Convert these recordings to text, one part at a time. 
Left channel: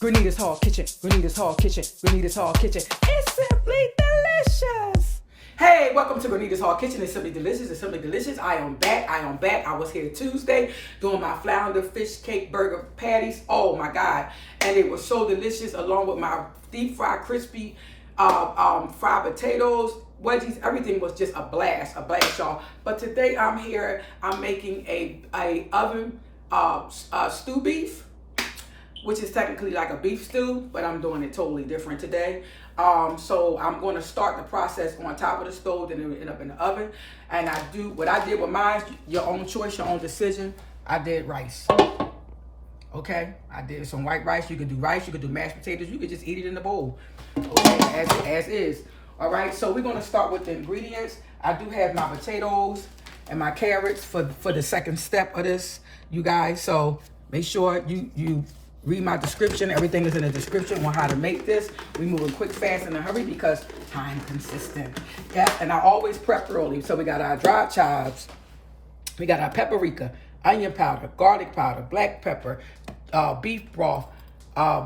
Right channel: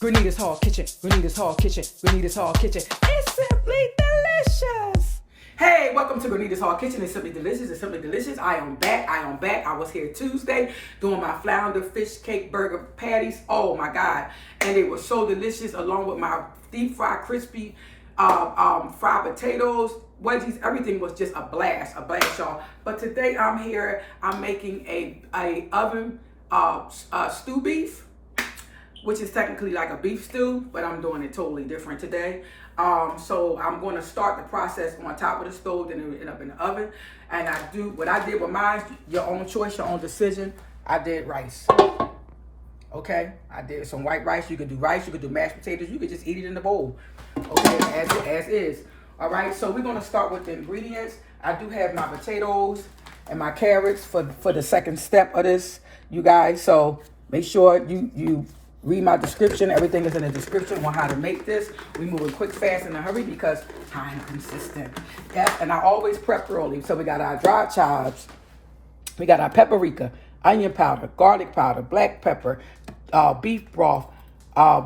Grenita's Hall Kitchen, Grenita's Hall Kitchen, Grenita's Hall Kitchen. It's simply delicious. Hey, welcome to Grenita's Hall Kitchen. It's simply delicious. It's simply delicious. I am back. I was here Tuesday doing my flounder fish cake burger patties. Oh my God. And they were so delicious, along with my deep fried crispy fried potatoes, wedgies. Everything was just a blast, y'all. But today I'm here. I'm making a oven stew beef, which is technically like a beef stew, but I'm doing it totally different today. So I'm going to start the process on top of the stove, then it will end up in the oven. And I do what I did with mine, your own choice, your own decision. I did rice. Okay, I did some white rice. You could do rice, you could do mashed potatoes, you could just eat it in the bowl. Okay, as is. All right, so we're going to start with the ingredients. I do have my potatoes and my carrots for the second step of this, you guys. So make sure you read my description. Everything is in the description on how to make this. We moving quick, fast, in a hurry because time consistent. Yeah, and I always prep early. So we got our dry chives, we got our paprika, onion powder, garlic powder, black pepper, beef broth,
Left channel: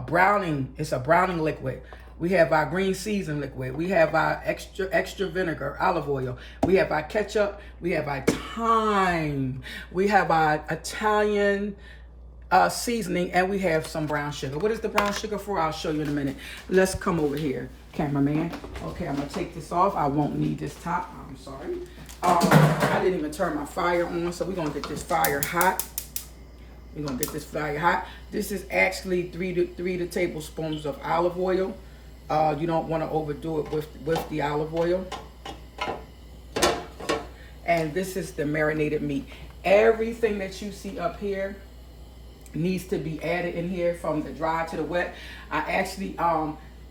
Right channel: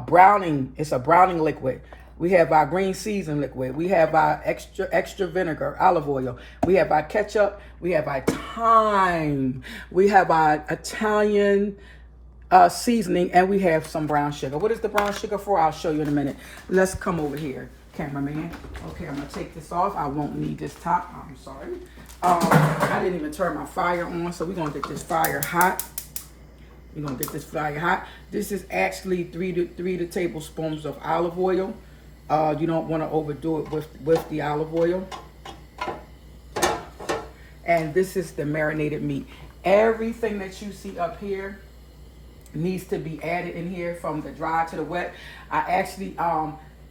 browning. It's a browning liquid. We have our green season liquid. We have our extra vinegar, olive oil. We have our ketchup. We have our thyme. We have our Italian seasoning, and we have some brown sugar. What is the brown sugar for? I'll show you in a minute. Let's come over here, cameraman. Okay, I'm gonna take this off. I won't need this top. I'm sorry. I didn't even turn my fire on, so we're gonna get this fire hot. We're gonna get this fire hot. This is actually three tablespoons of olive oil. You don't want to overdo it with the olive oil. And this is the marinated meat. Everything that you see up here needs to be added in here, from the dry to the wet. I actually,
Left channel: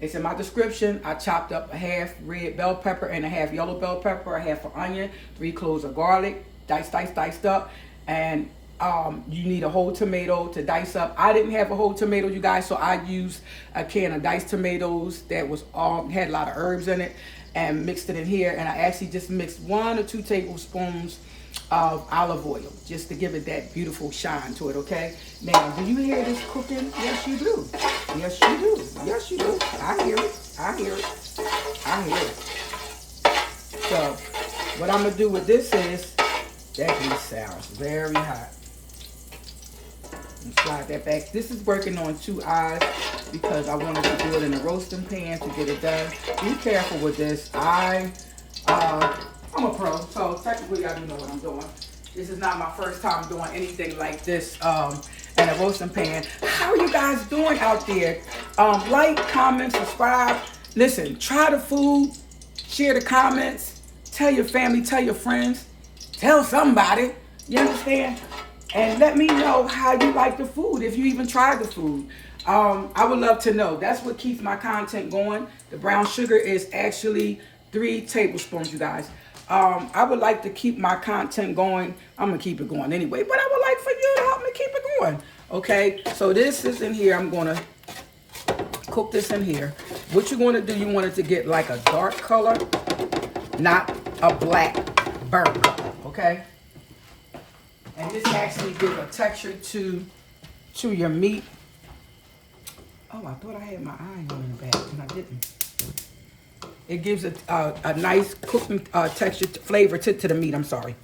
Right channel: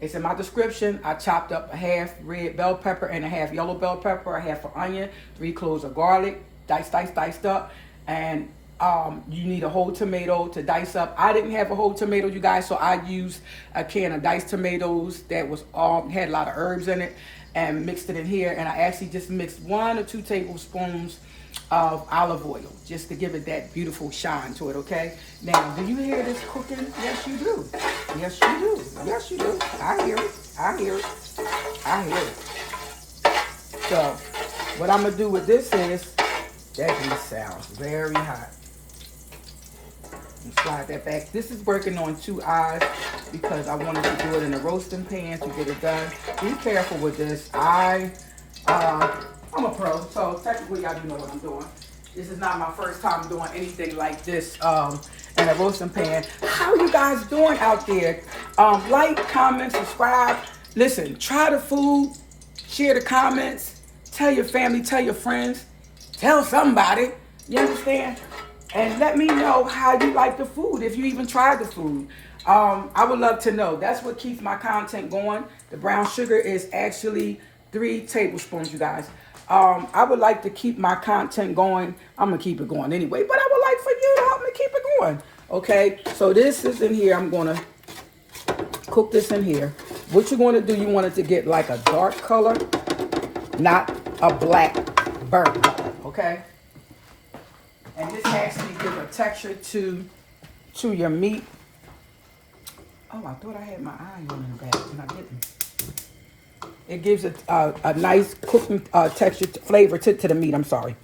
it's in my description, I chopped up a half red bell pepper and a half yellow bell pepper, a half of onion, 3 cloves of garlic, diced up, and you need a whole tomato to dice up. I didn't have a whole tomato, you guys, so I used a can of diced tomatoes that was had a lot of herbs in it, and mixed it in here. And I actually just mixed 1 or 2 tablespoons of olive oil just to give it that beautiful shine to it. Okay, now do you hear this cooking? Yes you do. Yes you do. Yes you do. I hear it. I hear it. I hear it. So what I'm gonna do with this is, that just sounds very hot. And slide that back. This is working on 2 eyes because I wanted to do it in a roasting pan to get it done. Be careful with this. I'm a pro, so technically I do know what I'm doing. This is not my first time doing anything like this in a roasting pan. How are you guys doing out there? Like, comment, subscribe. Listen, try the food, share the comments, tell your family, tell your friends, tell somebody, you understand? And let me know how you like the food, if you even tried the food. I would love to know. That's what keeps my content going. The brown sugar is actually 3 tablespoons, you guys. I would like to keep my content going. I'm going to keep it going anyway, but I would like for you to help me keep it going. Okay, so this is in here. I'm going to cook this in here. What you're going to do, you want it to get like a dark color, not a black burn. Okay? And this actually gives a texture to your meat. Oh, I thought I had my eye on the back, and I didn't. It gives a nice cooking texture, flavor to the meat. I'm sorry.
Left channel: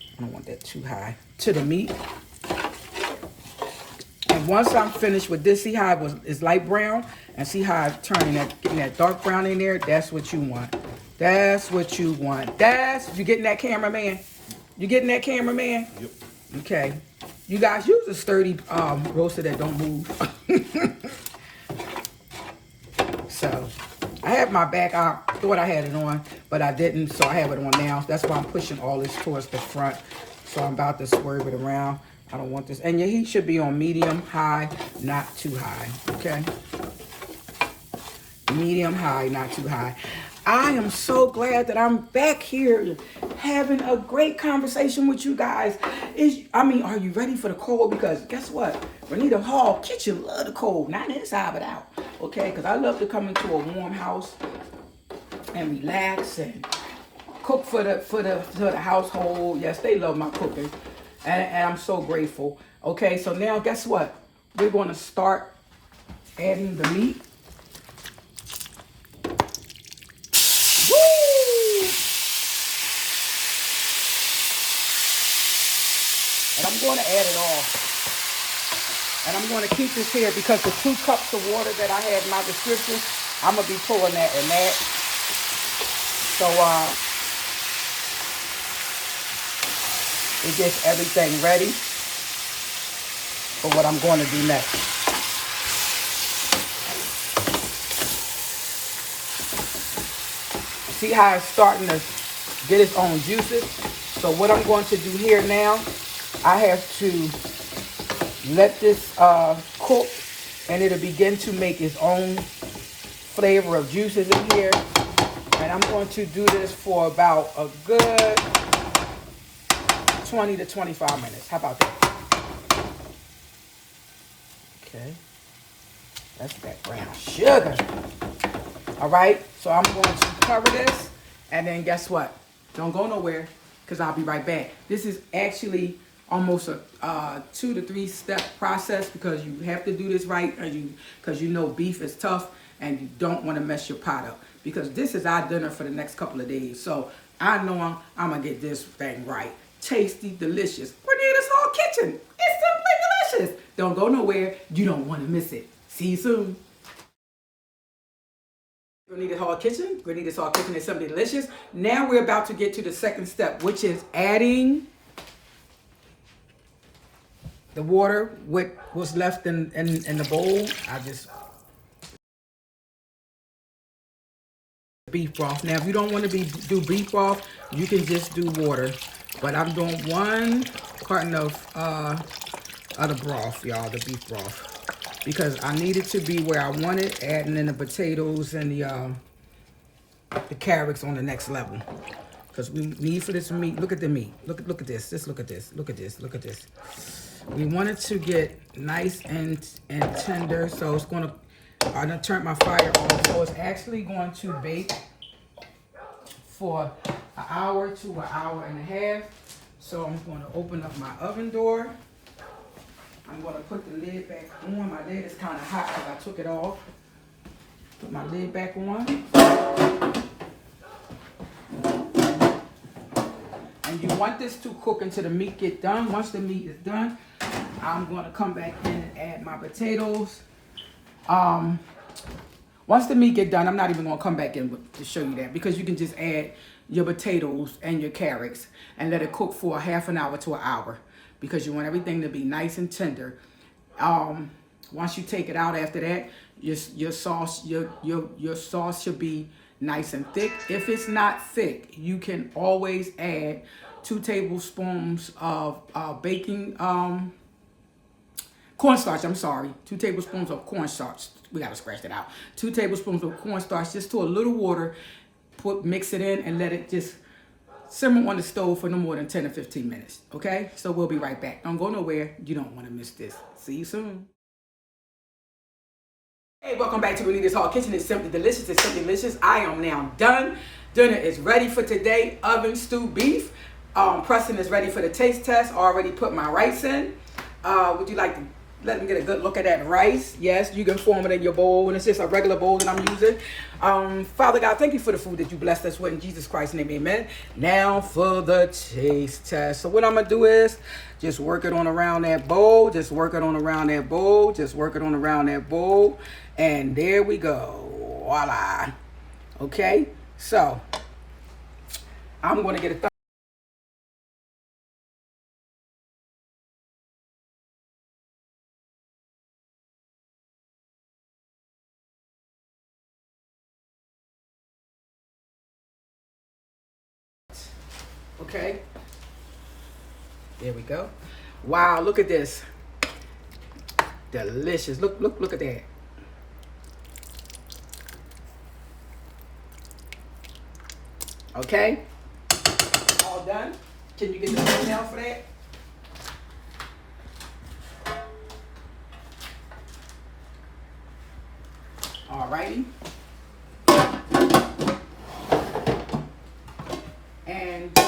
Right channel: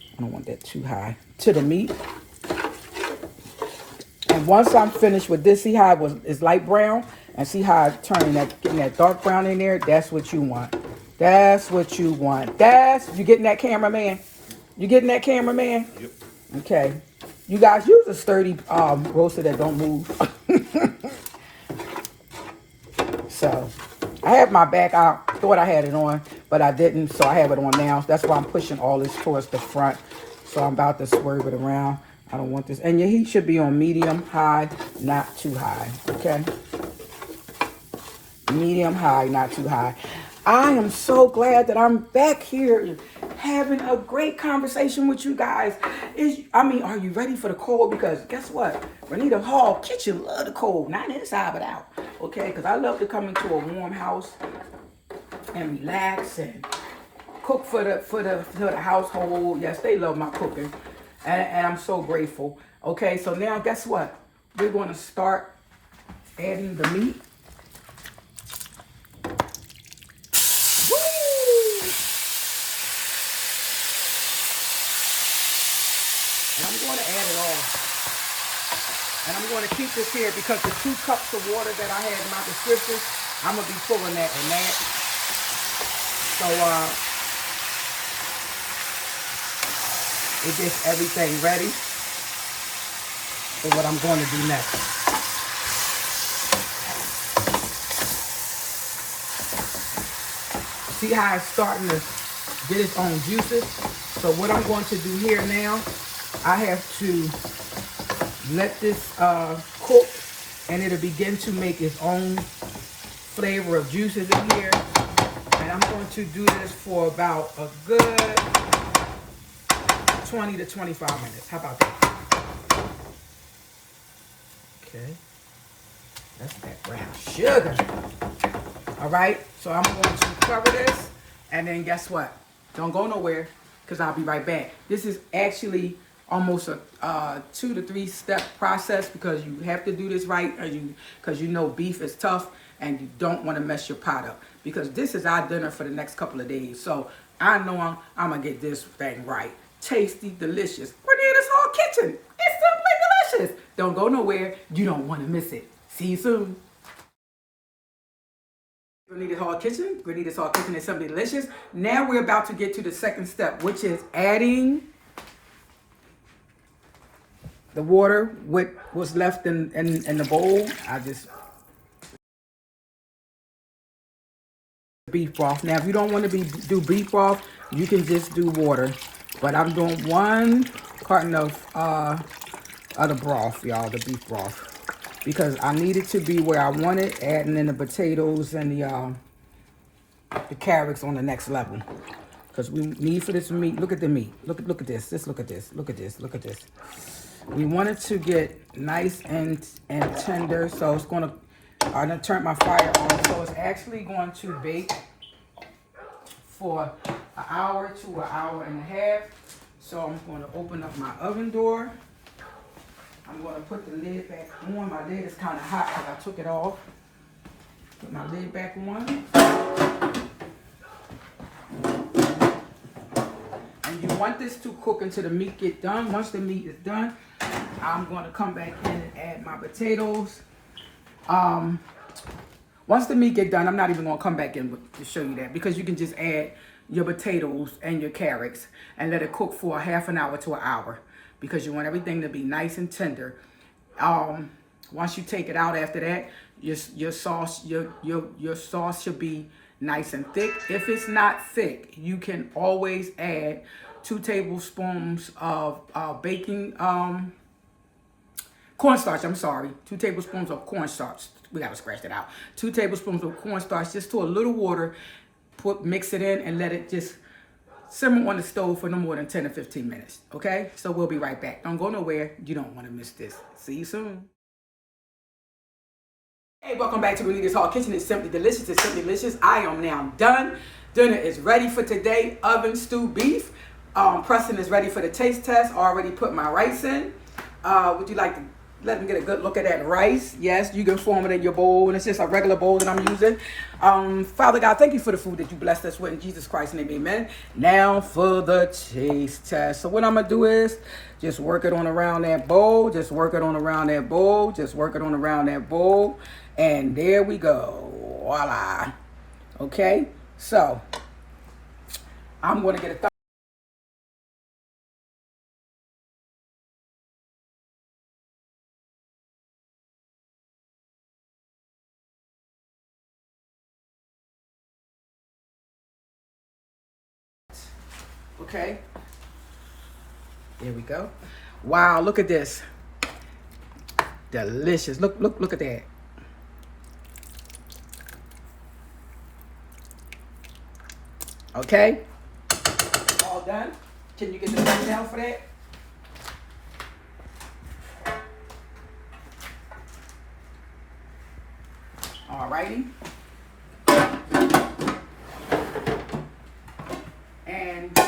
I don't want that too high. To the meat. And once I'm finished with this, see how it's light brown? And see how I'm getting that dark brown in there? That's what you want. That's what you want. You getting that, cameraman? You getting that, cameraman? Yep. Okay. You guys use a sturdy roaster that don't move. So I have my back out. Thought I had it on, but I didn't, so I have it on now. That's why I'm pushing all this towards the front. So I'm about to swerve it around. I don't want this. And your heat should be on medium, high, not too high. Okay? Medium, high, not too high. I am so glad that I'm back here having a great conversation with you guys. Are you ready for the cold? Because guess what? Grenita's Hall Kitchen love the cold. Not inside, but out. Okay? Because I love to come into a warm house and relax and cook for the household. Yes, they love my cooking. And I'm so grateful. Okay, so now guess what? We're going to start adding the meat. Woo! And I'm going to add it all. And I'm going to keep this here because the 2 cups of water that I had in my description, I'm going to be pulling that in that. So, it gets everything ready for what I'm going to do next. See how it's starting to get its own juices? So what I'm going to do here now, I have to let this cook, and it'll begin to make its own flavor of juices in here. And I'm going to do this for about a good 20 to 25 minutes. How about that? Okay. That's that brown sugar. All right. So I'm going to cover this. And then guess what? Don't go nowhere because I'll be right back. This is actually almost a 2 to 3 step process because you have to do this right, because you know beef is tough and you don't want to mess your pot up, because this is our dinner for the next couple of days. So I know I'm going to get this thing right. Tasty, delicious. Grenada's Hall Kitchen. It's simply delicious. Don't go nowhere. You don't want to miss it. See you soon. Grenada's Hall Kitchen. Grenada's Hall Kitchen is simply delicious. Now we're about to get to the second step, which is adding the water with what's left in the bowl. I just beef broth. Now, if you don't want to do beef broth, you can just do water. But I'm doing 1 carton of the broth, y'all, the beef broth, because I need it to be where I want it. Adding in the potatoes and the carrots on the next level, because we need for this meat. Look at the meat. Look at this. Just look at this. Look at this. Look at this. We want it to get nice and tender, so I'm gonna turn my fire on. So it's actually going to bake for an hour to an hour and a half. So I'm going to open up my oven door. I'm going to put the lid back on. My lid is kind of hot because I took it off. Put my lid back on. And you want this to cook until the meat get done. Once the meat is done, I'm going to come back in and add my potatoes. Once the meat get done, I'm not even going to come back in to show you that, because you can just add your potatoes and your carrots and let it cook for a half an hour to an hour, because you want everything to be nice and tender. Once you take it out after that, your sauce should be nice and thick. If it's not thick, you can always add 2 tablespoons of baking cornstarch. I'm sorry, 2 tablespoons of cornstarch. We gotta scratch that out. 2 tablespoons of cornstarch, just to a little water. Mix it in and let it just simmer on the stove for no more than 10 to 15 minutes. Okay, so we'll be right back. Don't go nowhere. You don't want to miss this. See you soon. Hey, welcome back to Grenada's Hall Kitchen. It's simply delicious. It's simply delicious. I am now done. Dinner is ready for today. Oven stewed beef. Preston is ready for the taste test. Already put my rice in. Would you like to let me get a good look at that rice? Yes, you can form it in your bowl, and it's just a regular bowl that I'm using. Father God, thank you for the food that you blessed us with. In Jesus Christ's name, amen. Now for the taste test. So what I'm going to do is just work it on around that bowl. Just work it on around that bowl. Just work it on around that bowl. And there we go. Voila. Okay, so I'm going to get a Okay, there we go. Wow, look at this. Delicious. Look at that. Okay, all done. Can you get the thumbnail for that? All righty. And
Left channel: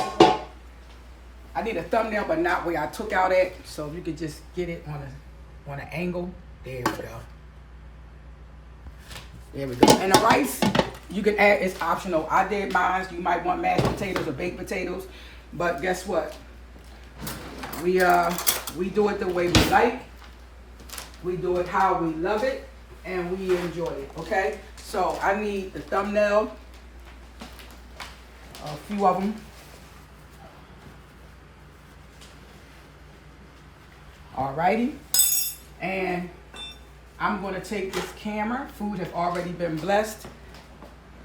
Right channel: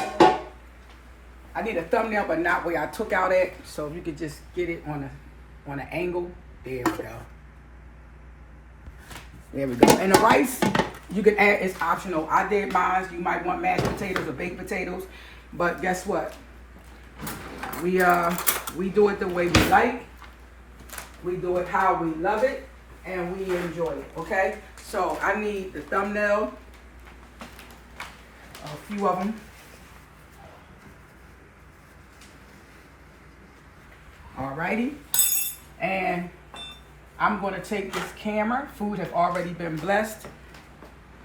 I need a thumbnail, but not where I took out at. So if you could just get it on an angle. There we go. There we go. And the rice, you can add, it's optional. I did mine. You might want mashed potatoes or baked potatoes. But guess what? We do it the way we like. We do it how we love it. And we enjoy it, okay? So I need the thumbnail. A few of them. Alrighty. And I'm going to take this camera. Food have already been blessed.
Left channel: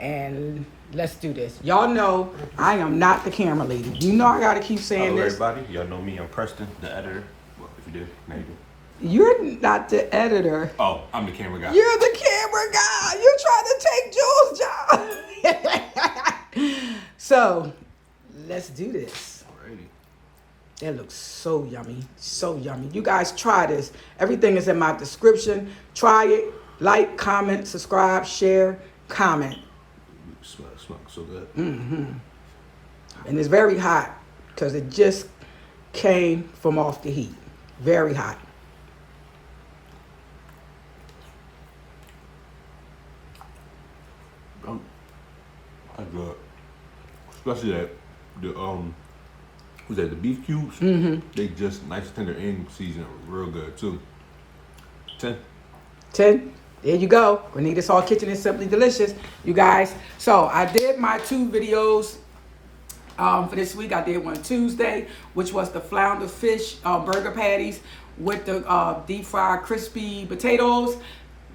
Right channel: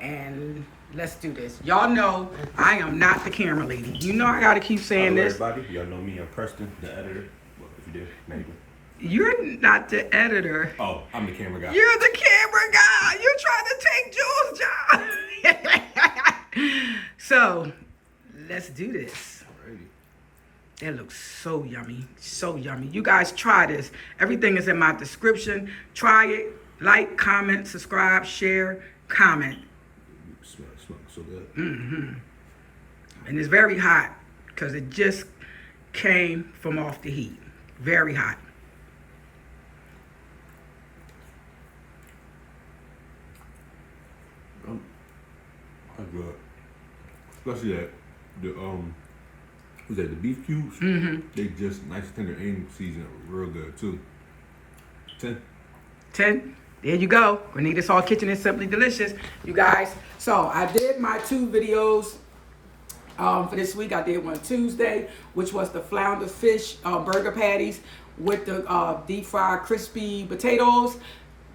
And let's do this. Y'all know I am not the camera lady. You know I got to keep saying Hello, this. everybody. Y'all know me. I'm Preston, the editor. Well, if you do, now you do. You're not the editor. Oh, I'm the camera guy. You're the camera guy. You're trying to take Jules' job. So, let's do this. Alrighty. That looks so yummy. So yummy. You guys try this. Everything is in my description. Try it. Like, comment, subscribe, share, comment. Smells so good. Mm-hmm. And it's very hot because it just came from off the heat. Very hot. That's good. Especially that the beef cubes? Mm-hmm. They just nice tender and seasoned real good too. 10. 10. There you go. Granita's Hall Kitchen is simply delicious, you guys. So I did my 2 videos for this week. I did one Tuesday, which was the flounder fish burger patties with the deep fried crispy potatoes.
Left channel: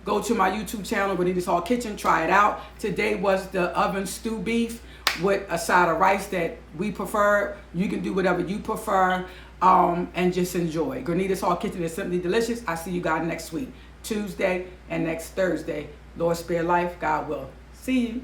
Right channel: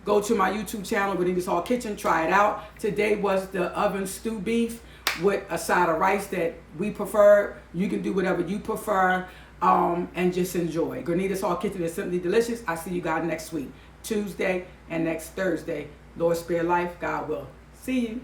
Go to my YouTube channel, Granita's Hall Kitchen. Try it out. Today was the oven stew beef with a side of rice that we prefer. You can do whatever you prefer and just enjoy. Granita's Hall Kitchen is simply delicious. I see you guys next week, Tuesday and next Thursday. Lord spare life, God will. See you.